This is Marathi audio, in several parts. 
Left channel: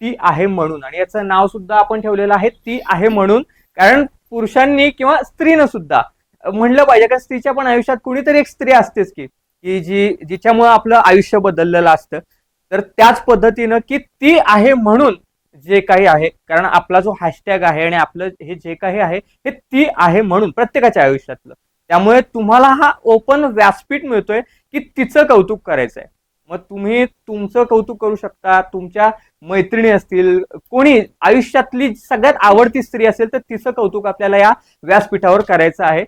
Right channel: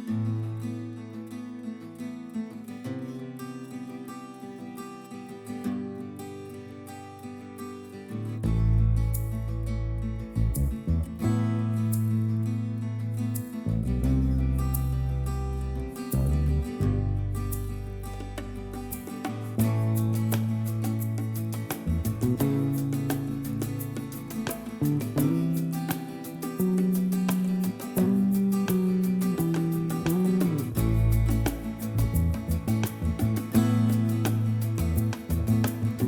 ती आहे म्हणून, आणि याचं नाव सुद्धा आपण ठेवलेलं आहे ती आहे म्हणून. कारण पुरुषांनी किंवा स्त्रीनं सुद्धा म्हणलं पाहिजे, कारण स्त्रीच्या पण आयुष्यात कुणीतरी एक स्त्री असतेच की जिच्यामुळे आपलं आयुष्य बदललेलं असतं. तर त्याच पद्धतीनं की ती आहे म्हणून जे काही आहे, कारण आपला जो हॅशटॅग आहे आणि आपलं हे जे काही आहे हे ती आहे म्हणून प्रत्येकाच्या आयुष्यातलं. त्यामुळे तुम्हाला हा ओपन व्यासपीठ मिळतोय की तिचं कौतुक करायचंय. मग तुम्ही तुमचं कौतुक करू शकता, तुमच्या मैत्रिणी असतील, कोणी आयुष्यातली सगळ्यात आवडती स्त्री असेल तर तिचं कौतुक आपल्याला या व्यासपीठावर करायचं आहे.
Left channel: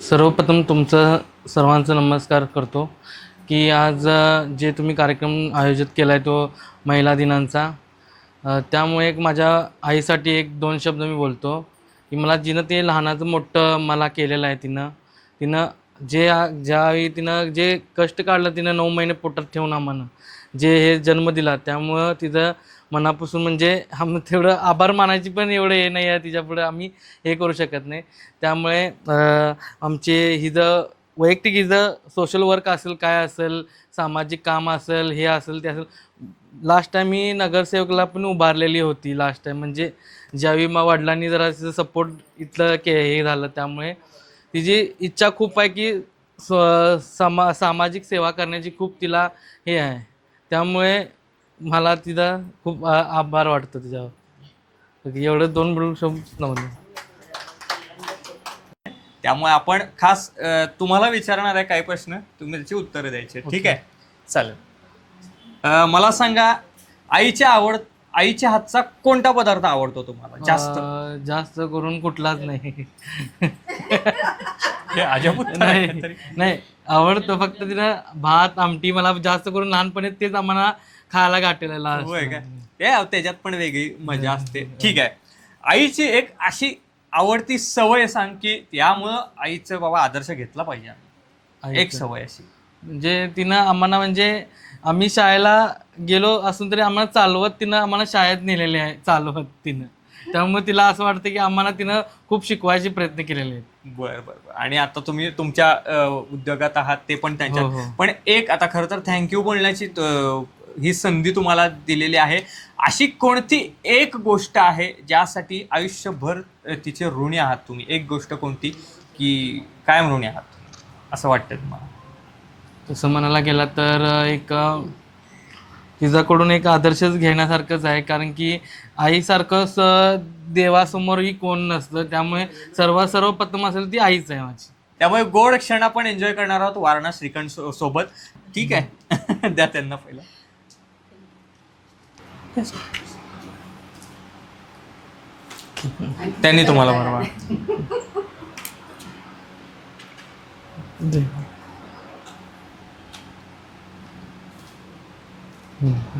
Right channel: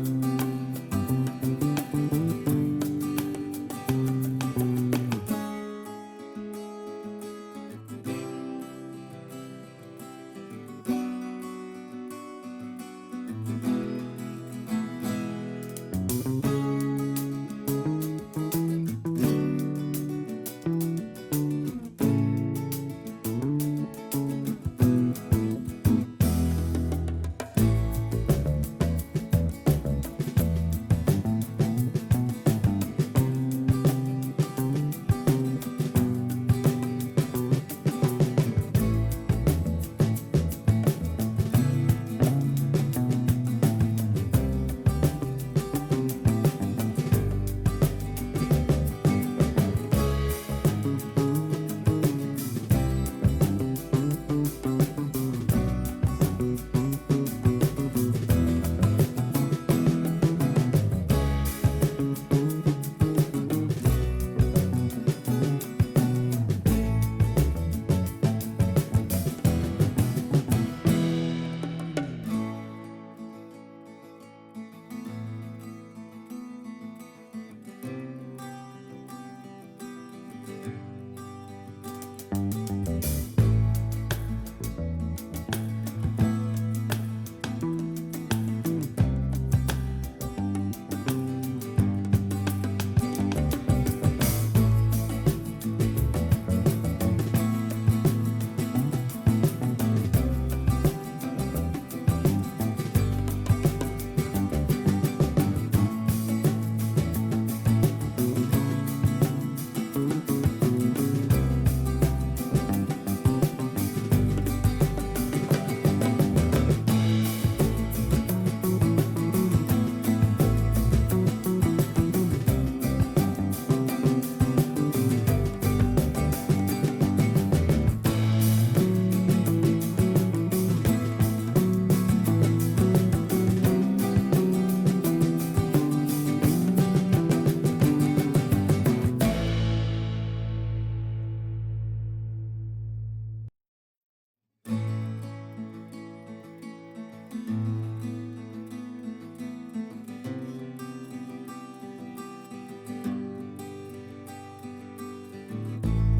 सर्वप्रथम तुमचं सर्वांचं नमस्कार करतो की आज जे तुम्ही कार्यक्रम आयोजित केला आहे तो महिला दिनांचा, त्यामुळे एक माझ्या आईसाठी एक दोन शब्द मी बोलतो की मला जिनं ते लहानाचं मोठं मला केलेलं आहे, तिनं ज्यावेळी तिनं जे कष्ट काढलं, तिनं 9 महिने पोटात ठेवून आम्हाला जे हे जन्म दिला, त्यामुळं तिथं मनापासून म्हणजे तेवढं आभार मानायची पण एवढं हे नाही आहे तिच्यापुढे, आम्ही हे करू शकत नाही. त्यामुळे आमचे हिचं वैयक्तिक हिचं सोशल वर्क असेल, काय असेल, सामाजिक काम असेल, हे असेल ते असेल. लास्ट टाईम मी नगरसेवकला पण उभारलेली होती लास्ट टाईम, म्हणजे ज्यावेळी मग वडिलांनी जरा तिचं सपोर्ट इथलं हे झालं, त्यामुळे तिची इच्छा खूप आहे की सामाजिक सेवा करण्याची खूप तिला हे आहे. त्यामुळे मला तिथं खूप आभार वाटतं. एवढं 2 शब्द नव्हते. त्यामुळे आपण खास तुम्हाला विचारणार आहे काही प्रश्न, तुम्ही त्याची उत्तरं द्यायची. ठीक आहे, चालेल. मला सांगा, आईच्या हातचा कोणता पदार्थ आवडतो तुम्हाला जास्त? जास्त करून कुठलाच नाही. नाही आवडतो, फक्त तिनं भात आमटी मला जास्त करून लहानपणी तेच आम्हाला खायला गाठलेलं असतं. होय काय? त्याच्यात पण वेगळी मजा असते. ठीक आहे, आईची एक अशी आवडती सवय सांग की यामुळं आईचं बाबा आदर्श घेतला पाहिजे. एक सवय अशी म्हणजे तिनं आम्हाला, म्हणजे आम्ही शाळेला गेलो असून तरी आम्हाला चालवत तिनं आम्हाला शाळेत नेलेले आहे, चालवत तिनं. त्यामुळे तिला असं वाटतं की आम्हाला तिनं खूप शिकवायचे प्रयत्न केलेले आहे. बरं. आणि आता तुम्ही तुमच्या उद्योगात आहात ते पण त्यांच्यात, पण एक आता खरं तर थँक्यू बोलण्याची ही संधी तुम्हाला दिलेली आहे. अशी कोणती एक गोष्ट आहे ज्यासाठी आयुष्यभर तिचे ऋणी आहात तुम्ही? एक गोष्ट कोणती की कायम ऋणी आहात असं वाटतं तुम्हाला? तसं म्हणायला गेला तर एक तिच्याकडून एक आदर्शच घेण्यासारखंच आहे, कारण की आईसारखंच देवासमोरही कोण नसतं. त्यामुळे सर्वप्रथम असेल ती आईच आहे माझी. त्यामुळे गोड क्षण आपण एन्जॉय करणार आहोत वारणा श्रीखंड सोबत. ठीक आहे, द्या त्यांना पहिला. त्यांनी तुम्हाला बरोबर. हम्म.